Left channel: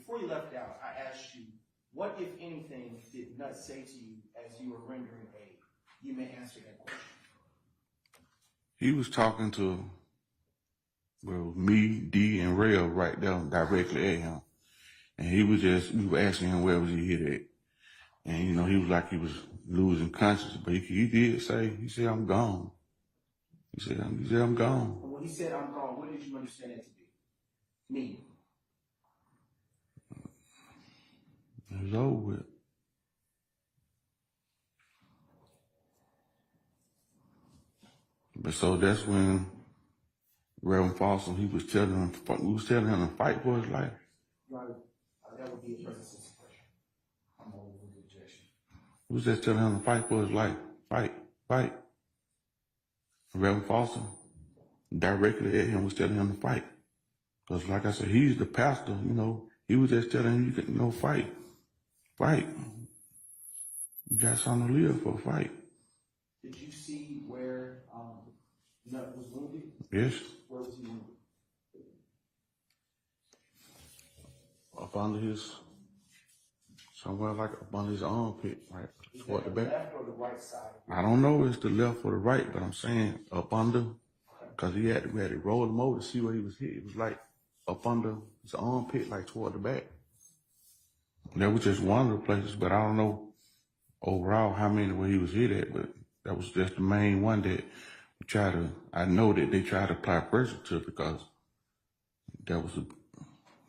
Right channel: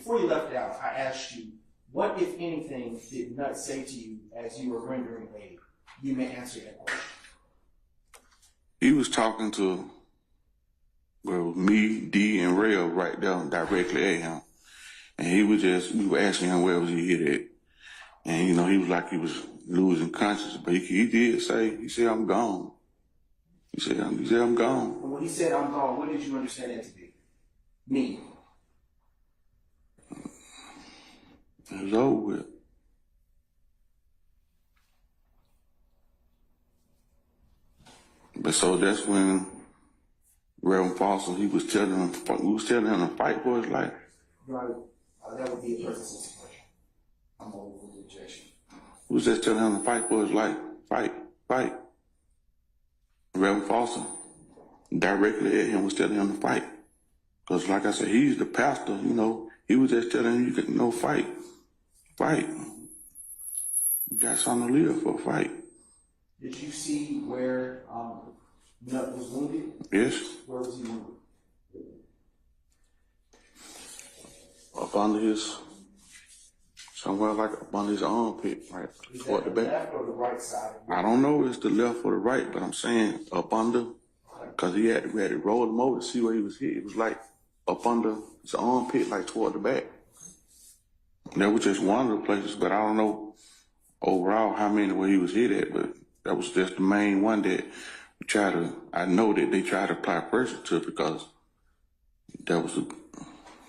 before you left out, I asked you, what, if anything, did Nut say to you as you were rendering aid? You may answer that question. He was talking to, well, me, D, and Rail right there directly at him. And we were asking him where was he hit at. And, you know, he was like he was losing consciousness, but he did say, he said, I'm gone. He said, I'm gone. And when he said, I'm gone, what did you understand that to be? Me. It was over with. But so that's when Reverend Foster, we was telling him to fight for his life. Right. That would be a person's situation. I'm over the objection. We was just telling him to fight for his life. Fight. Reverend Foster directly at him was telling him to fight. Because like I said, he's the pastor, you know, he was just telling him, you know, fight. You got something to live for, fight. Did you see where Nut was wounded? Yes. Where was he wounded? Up under his, somewhere like up under his armpit, right toward the back. Left or the right side? I don't know if it's the left or the right, but I'm saying up under, because we had to roll him over to see where he was hit. It was like up under his armpit, like toward the back. And that was just one of the places, but I don't know overall how many where he was hit at, but that was just the main one that I know that they tried to apply pressure to because that was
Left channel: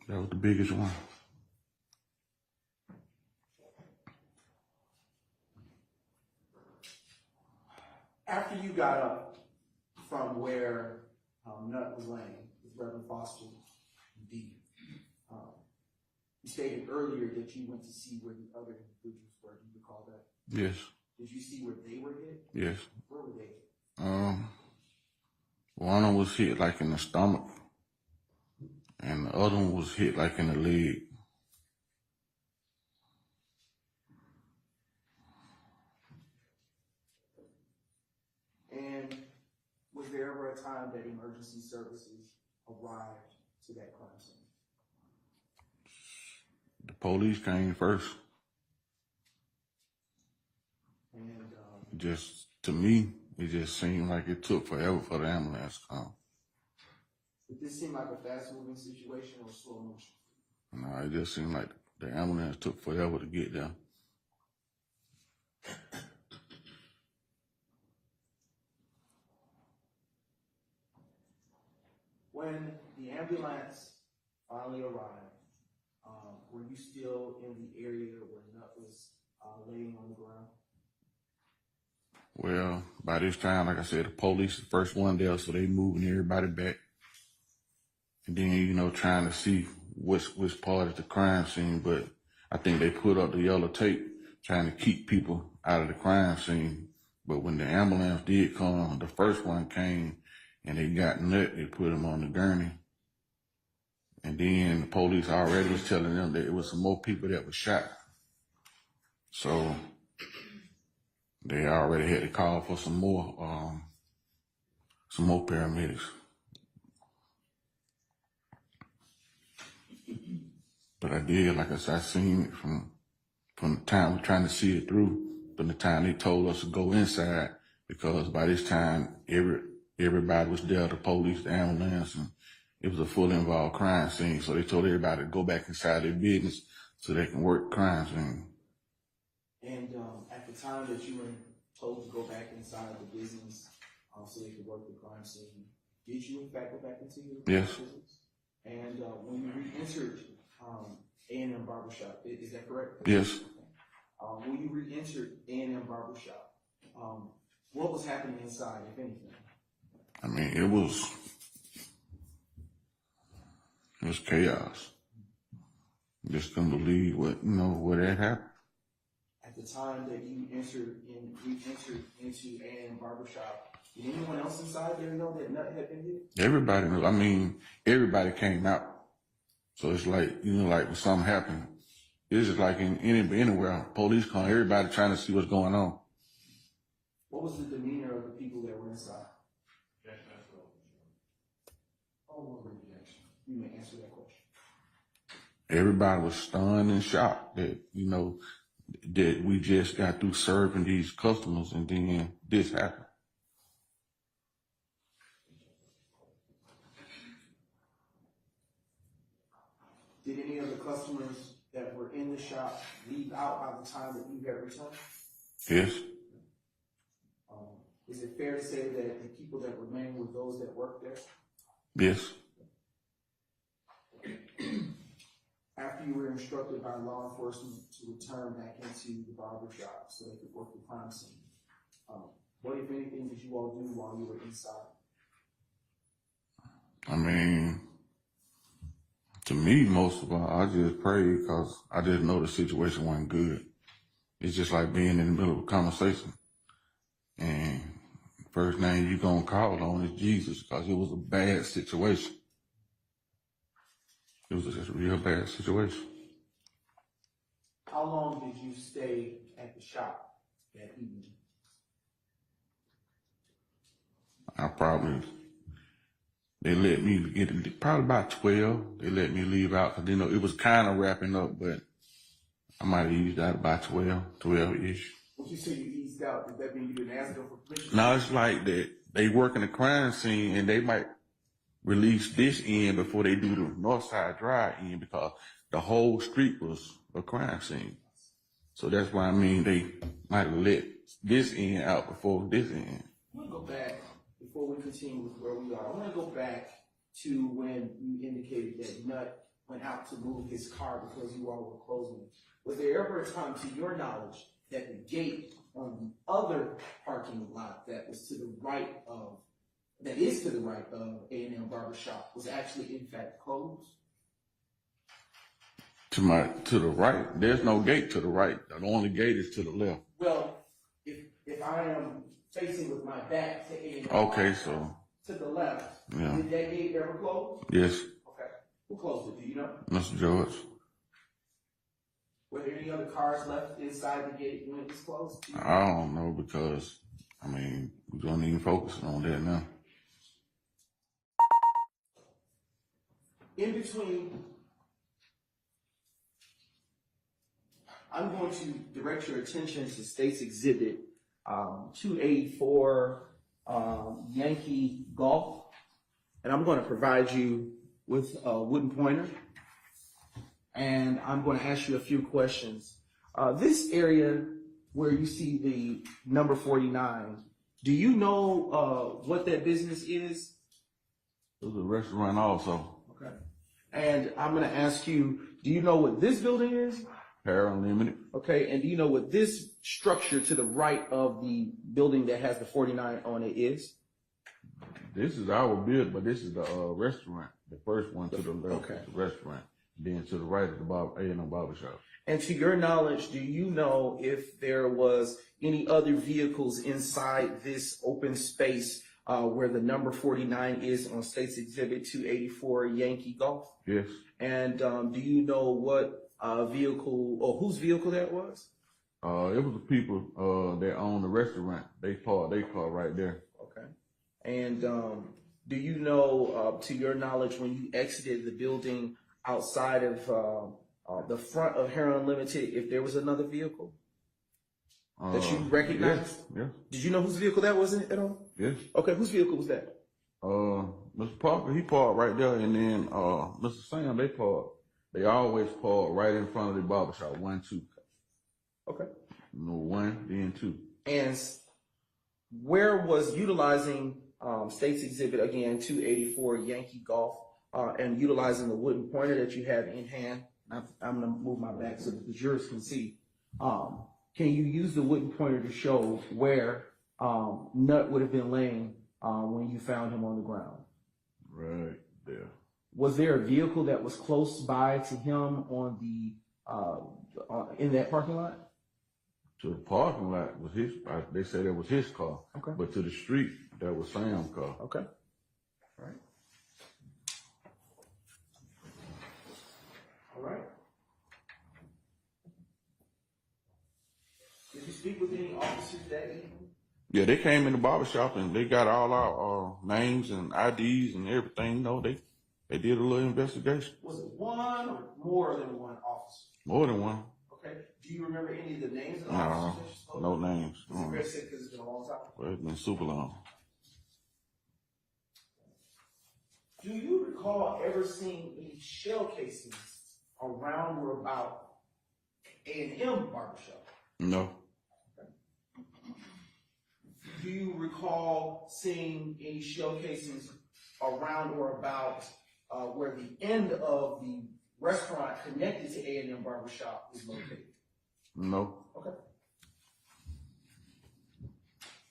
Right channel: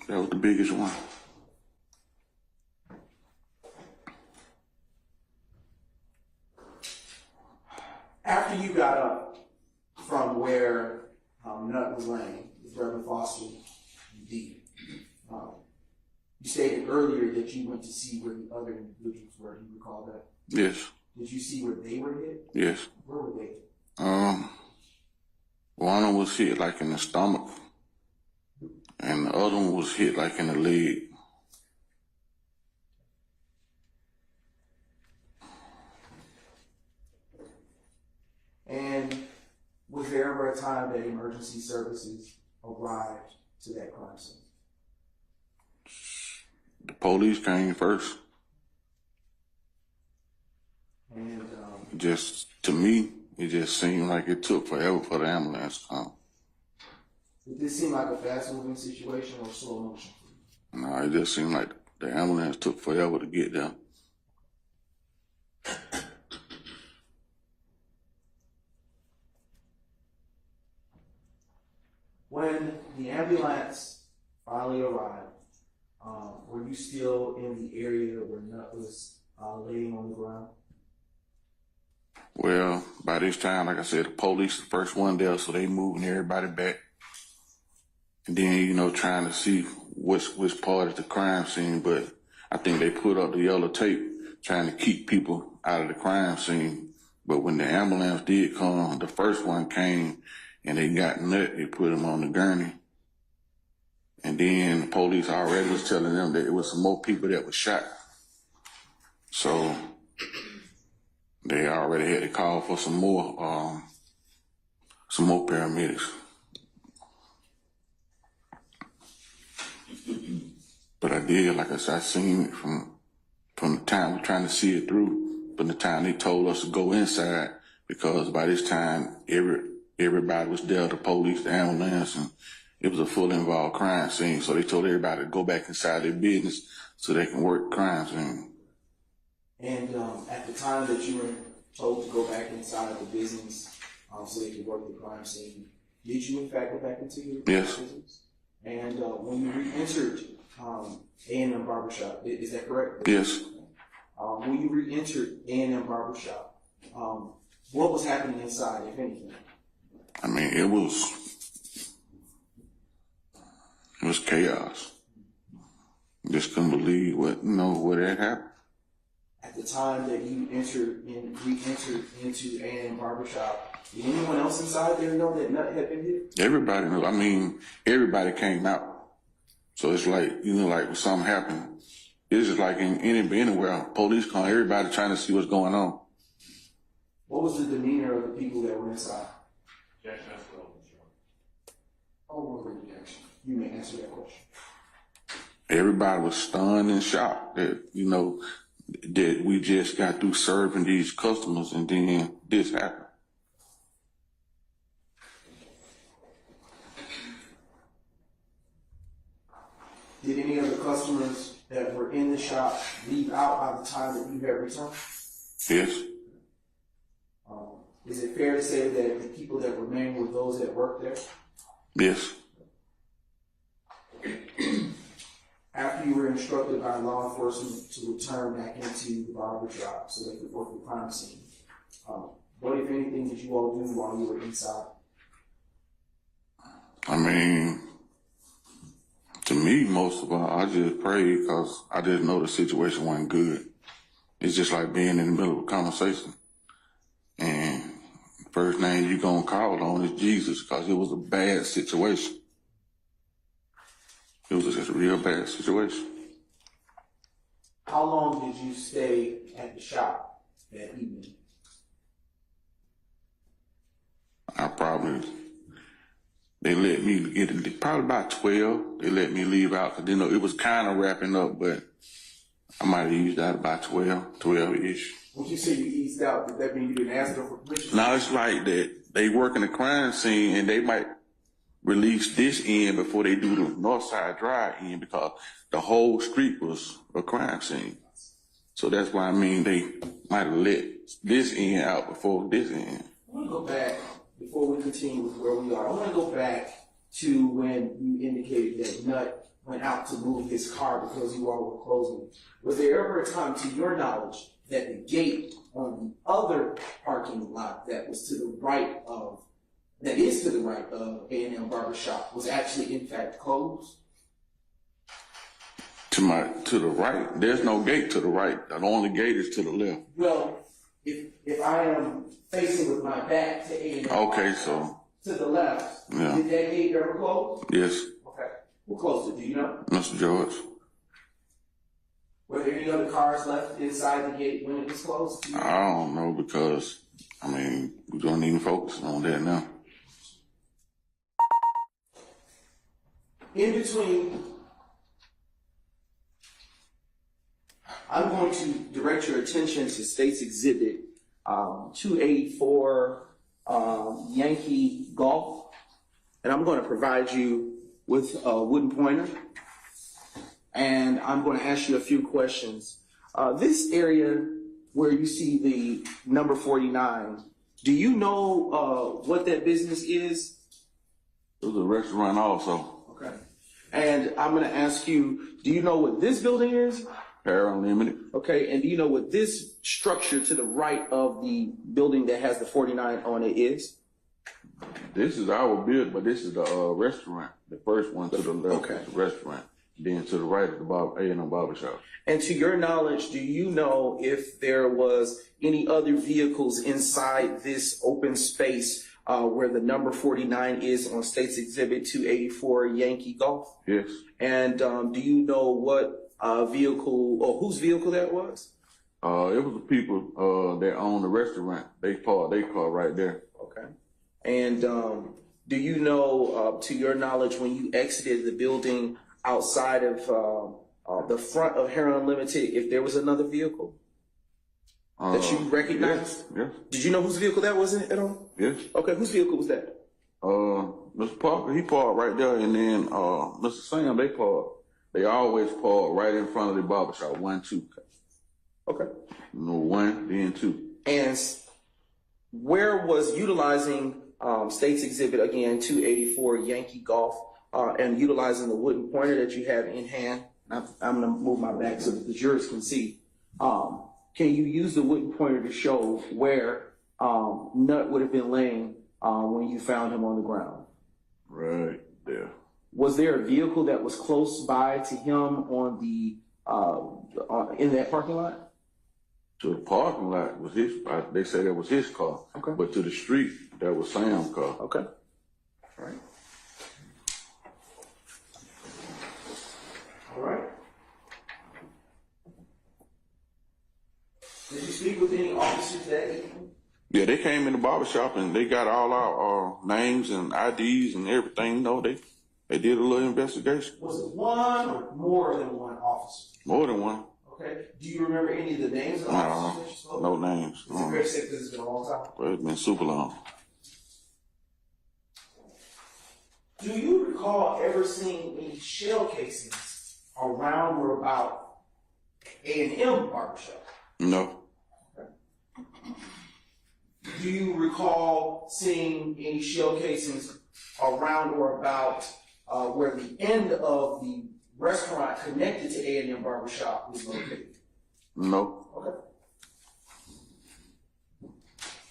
the biggest one. After you got up from where Nut was laying with Reverend Foster and D, you stated earlier that you went to see where the other individuals were. Do you recall that? Yes. Did you see where they were hit? Yes. Where were they? One of them was hit like in the stomach, and the other one was hit like in the leg. And was there ever a time that emergency services arrived to that crime scene? The police came first. And just to me, it just seemed like it took forever for the ambulance to come. Did this seem like a fast-moving situation or slow motion? No, it just seemed like the ambulance took forever to get there. When the ambulance finally arrived, were you still in the area where Nut was laying on the ground? Well, by this time, like I said, the police the first one there, so they moving everybody back. And then, you know, trying to see which part is the crime scene, but I think they put up the yellow tape trying to keep people out of the crime scene. But when the ambulance did come, the first one came and they got Nut, they put him on the gurney. And then the police already was telling them that it was some more people that was shot. So they already had to call for some more paramedics. But I did, like I said, I seen it from the time we're trying to see it through, from the time they told us to go inside, because by this time, everybody was there, the police, the ambulance, and it was a fully involved crime scene. So they told everybody to go back inside their business so they can work crime scene. And at the time that you were told to go back inside of the business so they could work the crime scene, did you in fact go back into your Yes. business? And when you re-entered A&M Barbershop, is that correct? Yes. When you re-entered A&M Barbershop, what was happening inside, if anything? I mean, it was chaos. Just couldn't believe what had happened. At the time that you re-entered into A&M Barbershop, did anyone else inside there know that Nut had been hit? Everybody knew. I mean, everybody came out. So it's like, like when something happened, it's just like anywhere, police come, everybody trying to see what's going on. What was the demeanor of the people that were inside? Oh, objection. You may answer that question. everybody was stunned and shocked that, you know, that we just got through serving these customers and then this happened. Did any of the customers that were in the shop leave out by the time that you had returned? Yes. Is it fair to say that the people that remained were those that worked there? Yes. After you were instructed by law enforcement to return back into the barbershop so they could work the crime scene, what, if anything, did you all do while you were inside? I mean, to me, most of all, I just prayed because I didn't know the situation wasn't good. It's just like being in the middle of a conversation. And first name you gonna call on is Jesus because it was a bad situation. It was just a real bad situation. How long did you stay at the shop that evening? They let me get it, probably about 12. They let me leave out because, you know, it was kind of wrapping up, but I might have used out about 12-ish. When you say you eased out, did that mean you didn't ask them for permission? No, it's like that they work in the crime scene and they might release this end before they do the North Side Drive end because the whole street was a crime scene. So that's why, I mean, they might have let this end out before this end. I want to go back, before we continue with where we are, I want to go back to when you indicated that Nut went out to move his car because you all were closing. Was there ever a time, to your knowledge, that the gate on the other parking lot that was to the right of, that is to the right of A&M Barbershop was actually in fact closed? To the right, there's no gate to the right. The only gate is to the left. Well, if I am facing with my back to A&M, okay, so to the left, yeah. Did that gate ever close? Yes. Okay, who closed it? Do you know? Mr. George. Were there any other cars left inside the gate when it was closed? I don't know because, I mean, we don't even focus on that now. In between, I'm going to direct your attention to State's Exhibit 284 Yankee Golf, and I'm going to provide you with a wooden pointer, and I'm going to ask you a few questions. This area where you see the number 49, do you know what that business is? It was a restaurant also. Okay. And I'm going to ask you, do you know what this building is? Hair Unlimited. Okay, and do you know what this structure to the right of the building that has the 49 on it is? This is our building, but this is the restaurant. The first one to the left is the restaurant. Then to the right is the A&M Barbershop. And to your knowledge, do you know if there was any other vehicles inside this open space where the number 49 is on State's Exhibit 284 Yankee Golf? Yes. And do you know what vehicle or whose vehicle that was? It was the people that own the restaurant. They parked their car right there. Okay. And do you know, to your knowledge, when you exited the building outside of the front of Hair Unlimited, if there was another vehicle that you recognized? Yes. Did you know whose vehicle that was at all? Yes. Okay, whose vehicle was that? Mr. Parker, he parked right there, and then Mr. Sam, they parked. They always park right in front of the barbershop, 1, 2. Okay. No, 1, then 2. And where was utilizing State's Exhibit, again, 284 Yankee Golf, and utilizing the wooden pointer that you have in hand? I'm going to move my back so that the jurors can see. Can you use the wooden pointer to show where Nut would have been laying when you found him on the ground? Right there. Was there a vehicle that was close by to him on the in that parking lot? To the parking lot was his. They said that was his car. Okay. But to the street, that was Sam's car. Okay. All right. All right. Did you speak with any officers that evening? Yeah, they came in the barbershop and they got all our names and IDs and everything. You know, they They did a little investigation. Was it one or more than one officer? More than one. Okay. Do you remember any of the names of the No, officers that you spoke? no names. Is it fair to say because it's been a long time? Well, it's been super long. Do you recall ever seeing any shell casings around or about A&M barbershop? No. Do you recall seeing any shell casings around or about where the end of the restaurant connected to A&M barbershop was located? No. Okay.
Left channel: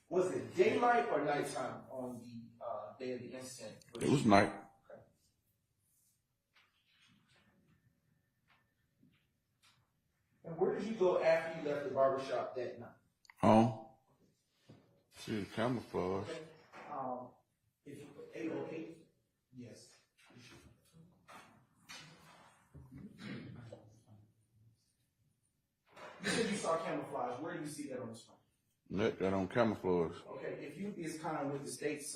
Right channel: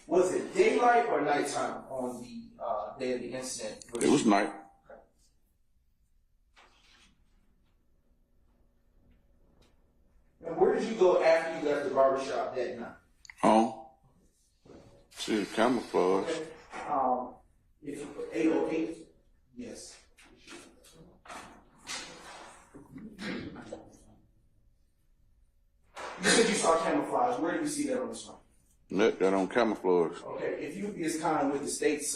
Was it daylight or nighttime on the day of the incident? It was night. Okay. And where did you go after you left the barbershop that night? Home. See, camouflage. Okay. If you put 808, yes. You said you saw camouflage. Where do you see that on the screen? That on camouflage. Okay, if you would be as kind with the state's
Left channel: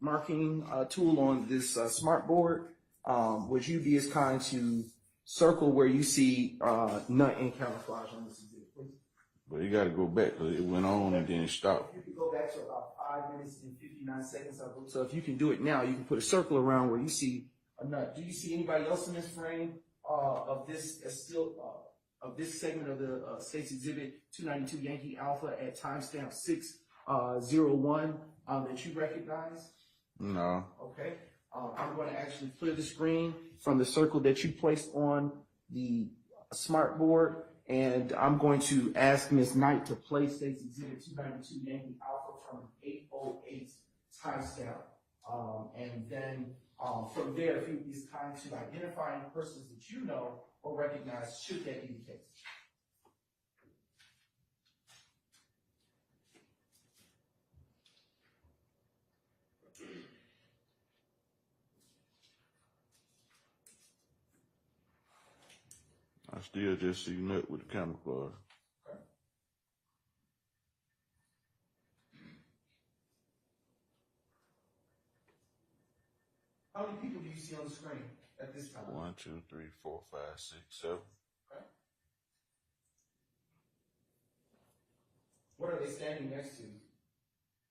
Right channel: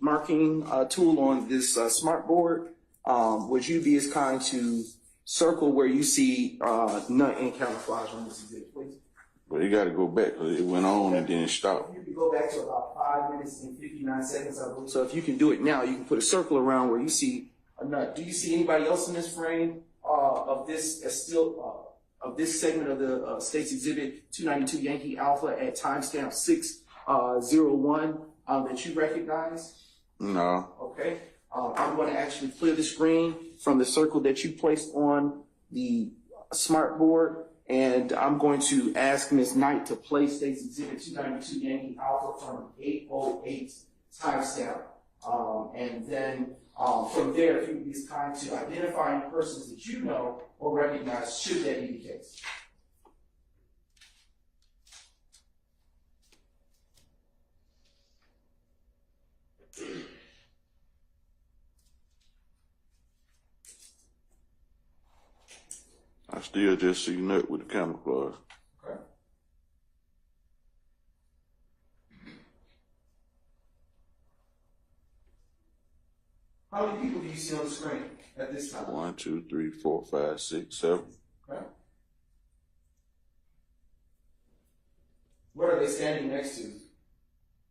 marking tool on this smart board, would you be as kind to circle where you see nut and camouflage on this exhibit, please? But you got to go back because it went on and then stopped. You can go back to about 5 minutes and 59 seconds, I believe. So if you can do it now, you can put a circle around where you see a nut. Do you see anybody else in this frame of this of this segment of the state's exhibit 292 Yankee Alpha at timestamp 601 that you recognize? No. Okay. I'm going to actually clear the screen from the circle that you placed on the smart board, and I'm going to ask Ms. Knight to play State's Exhibit 292 Yankee Alpha from 808 timestamp. And then from there, if you would be as kind to identify any persons that you know or recognize, should that be the case. I still just see nut with the camouflage. Okay. How many people do you see on the screen at this time? 1, 2, 3, 4, 5, 6, 7. Okay. What are they standing next to?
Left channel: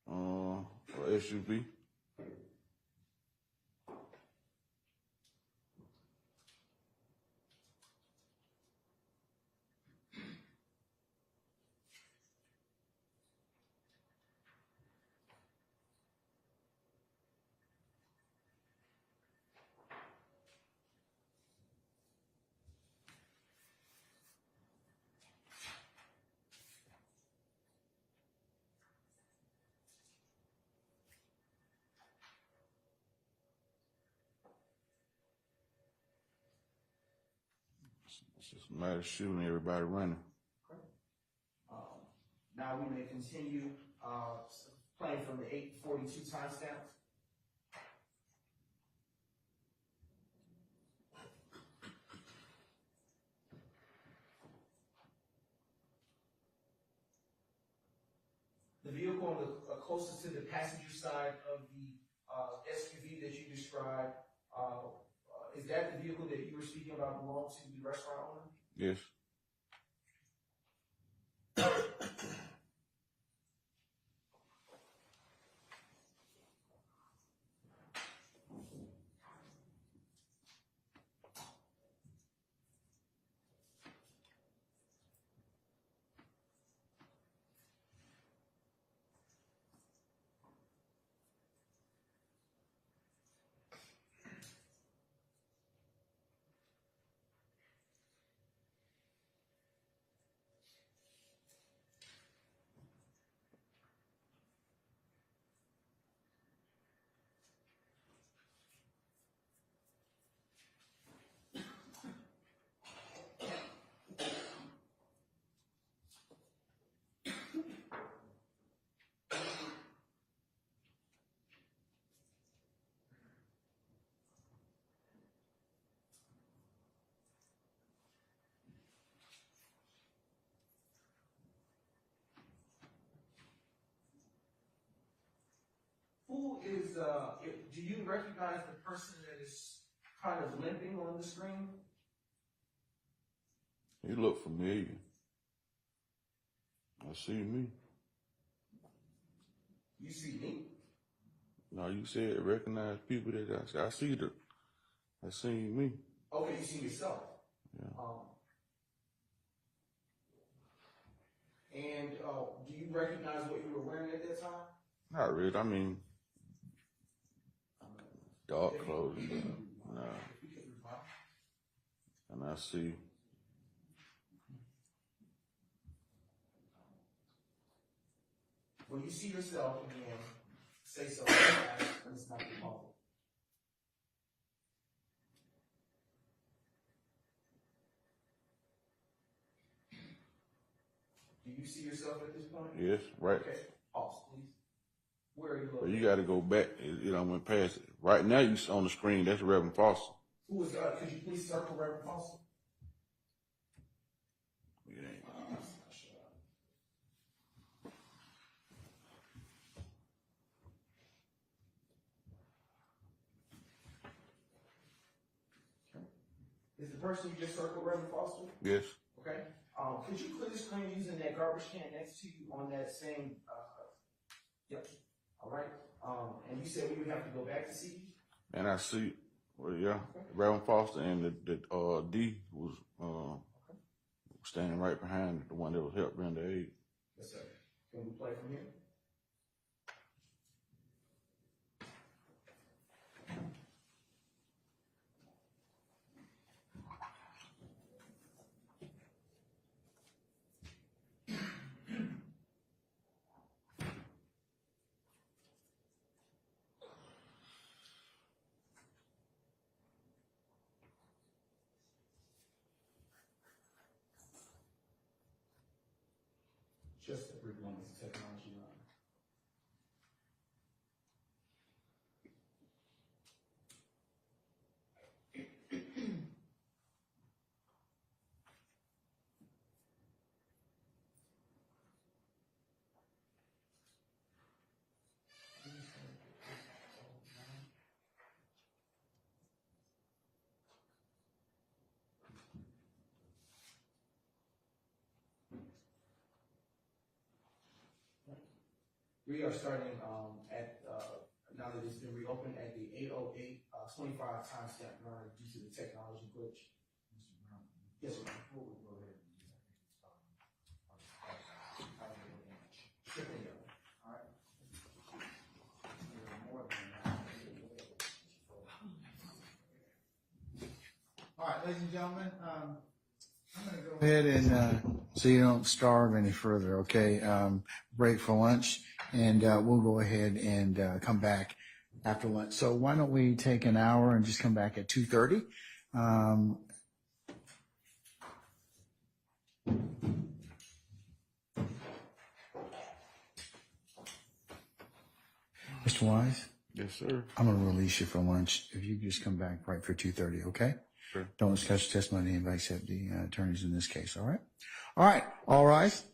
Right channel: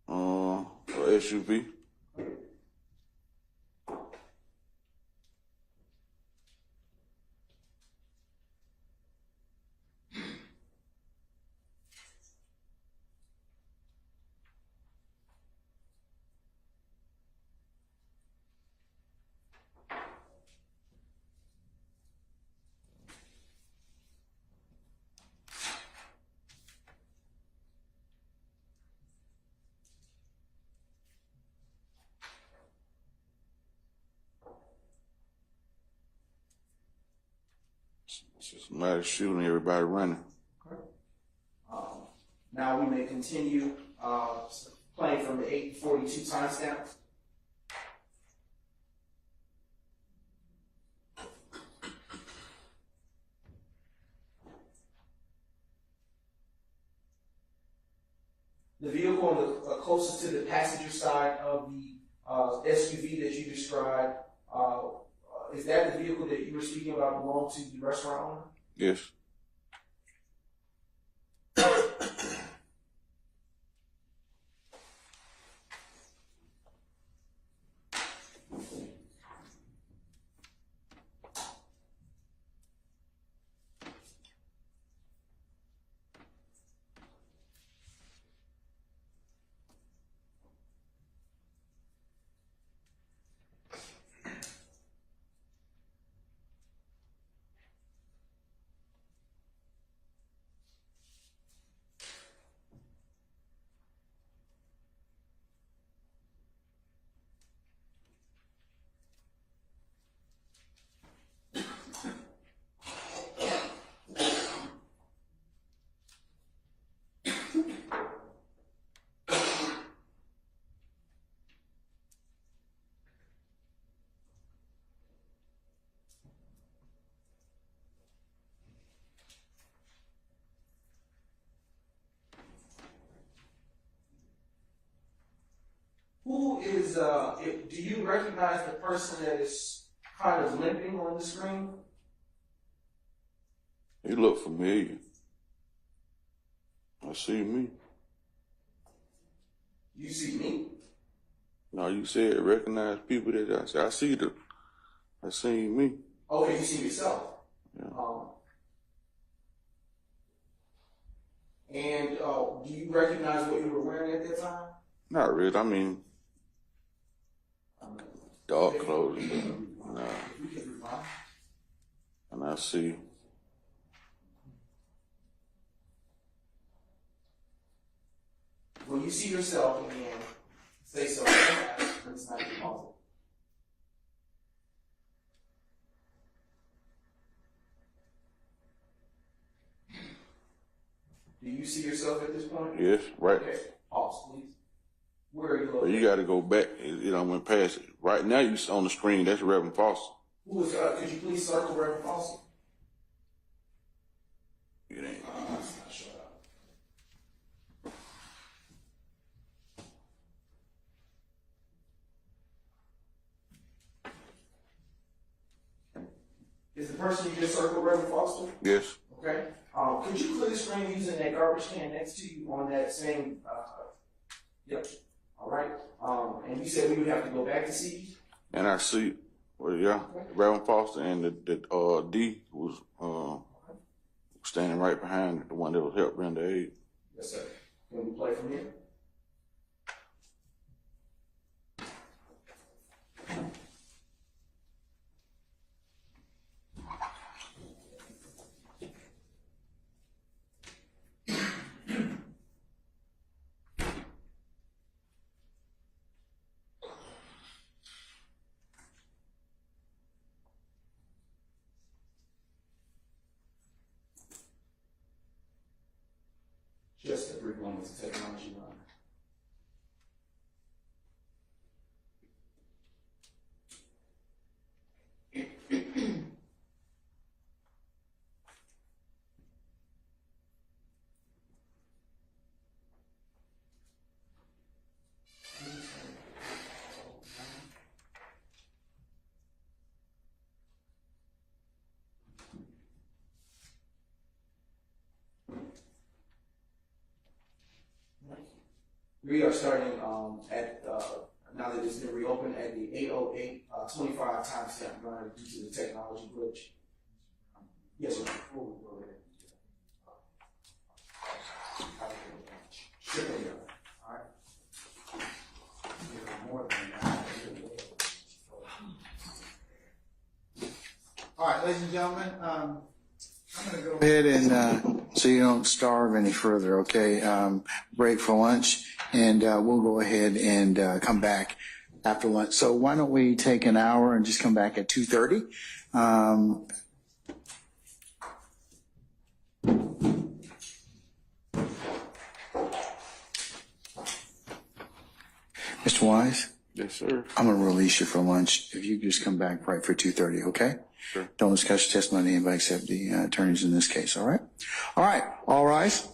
SUV. It's just a matter of shooting everybody running. Okay. Now we may continue playing from the 8:42 timestamp. The vehicle on the closest to the passenger side of the SUV that you described, is that the vehicle that you were speaking about belonged to the restaurant owner? Yes. Who is, do you recognize the person that is kind of limping on the screen? He look familiar. I see me. You see me? No, you said recognize people that I said. I seen me. Okay, you see yourself. Yeah. And do you recognize what you were wearing at that time? Not really. I mean, dark clothes. Nah. And I see. When you see yourself again, say so fast, but it's not your muzzle. Do you see yourself at this point? Yes, right. Okay, pause, please. Where are you But looking? you got to go back. It went past it. Right now, you on the screen. That's Reverend Foster. Who is, could you please circle Reverend Foster? It ain't. Let's not shut up. Is the person you just circled Reverend Foster? Yes. Okay. Could you clear the screen using that garbage can next to you on that same, yep. All right. And you said we would have to go back to see you? And I see, well, yeah, Reverend Foster and the D was standing right behind the one that was helping render aid. Yes, sir. Can we play from here? Just a brief moment to technology run. We are starting at, now that it's been reopened, at the 8:08, 25 timestamp run due to the technology glitch. Yes, sir. Before we go ahead. Sure, yeah. All right. More than that. All right, ladies and gentlemen, I'm going to go ahead and so you don't starve any further, okay? Break for lunch, and we'll go ahead and come back after lunch. So why don't we take an hour and just come back at 2:30? Mr. Wise? Yes, sir. I'm going to release you for lunch. If you just come back right for 2:30, okay? Sure. Don't discuss your testimony, anybody except the attorneys in this case, all right? All right, all rise.